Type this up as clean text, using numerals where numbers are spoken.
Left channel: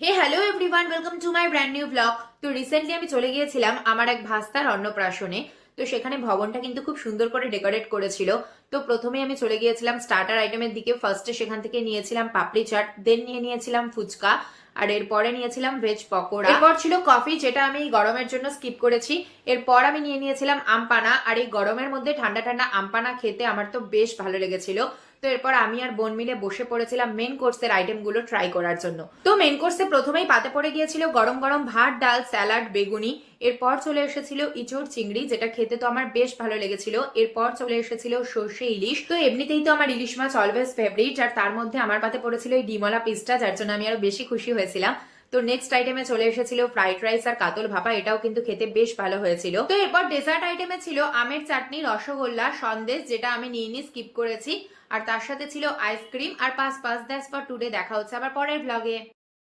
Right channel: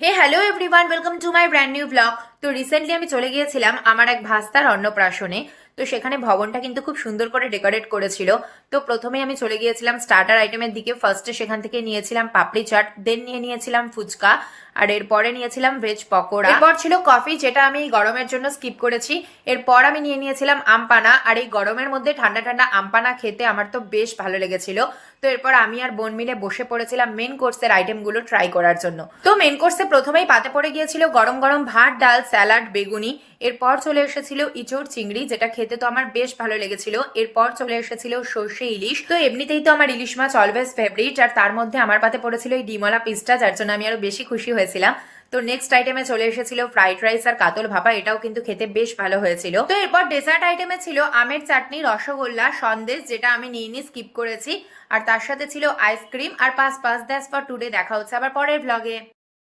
Hey hello everyone, welcome to my brand new vlog. তো recently আমি চলে গিয়েছিলাম আমার এক ভাস্তার অন্নপ্রাশনে। তো সেখানে ভবনটা কিন্তু খুব সুন্দর করে ডেকোরেট করেছিল। তো প্রথমে আমি চলে গিয়েছিলাম স্টার্টার আইটেমের দিকে। ফার্স্টে সেখান থেকে নিয়েছিলাম পাপড়ি চাট, দেন নিয়েছিলাম ফুচকা, আর এরপরে নিয়েছিলাম ভেজ পকোড়া। এরপর ছিল কফি, যেটা আমি এই গরমের জন্য স্কিপ করেছি। এরপর আমি নিয়েছিলাম আমপানা, আর এই গরমের মধ্যে ঠান্ডা ঠান্ডা আমপানা খেতে আমার তো বেশ ভালো লেগেছিল। তো এরপর আমি আর বোন মিলে বসে পড়েছিলাম মেন কোর্সের আইটেমগুলো ট্রাই করার জন্য। তো মেন কোর্সে প্রথমেই পাতে পড়ে গিয়েছিল গরম গরম ভাত, ডাল, স্যালাড, বেগুনি। এরপর চলে এসেছিল ইঁচড় চিংড়ি, যেটা খেতে তো আমার বেশ ভালো লেগেছিল। এরপর চলে এসেছিল সর্ষে ইলিশ। তো এমনিতেই তো আমার ইলিশ মাছ অলওয়েজ ফেভারিট, আর তার মধ্যে আমার পাতে পড়েছিল এই ডিমলা পিসটা, যার জন্য আমি আরো বেশি খুশি হয়েছিলাম। তো নেক্সট আইটেমে চলে এসেছিল ফ্রাইড রাইস আর কাতল ভাপা, এটাও কিন্তু খেতে বেশ ভালো হয়েছিল। তো এরপর ডেজার্ট আইটেমে ছিল আমের চাটনি, রসগোল্লা, সন্দেশ, যেটা আমি নিয়ে স্কিপ করেছি। আর তার সাথে ছিল আইসক্রিম। আর পাস পাস দ্যাটস ফর টুডে। দেখা হচ্ছে আবার পরের ব্লগে।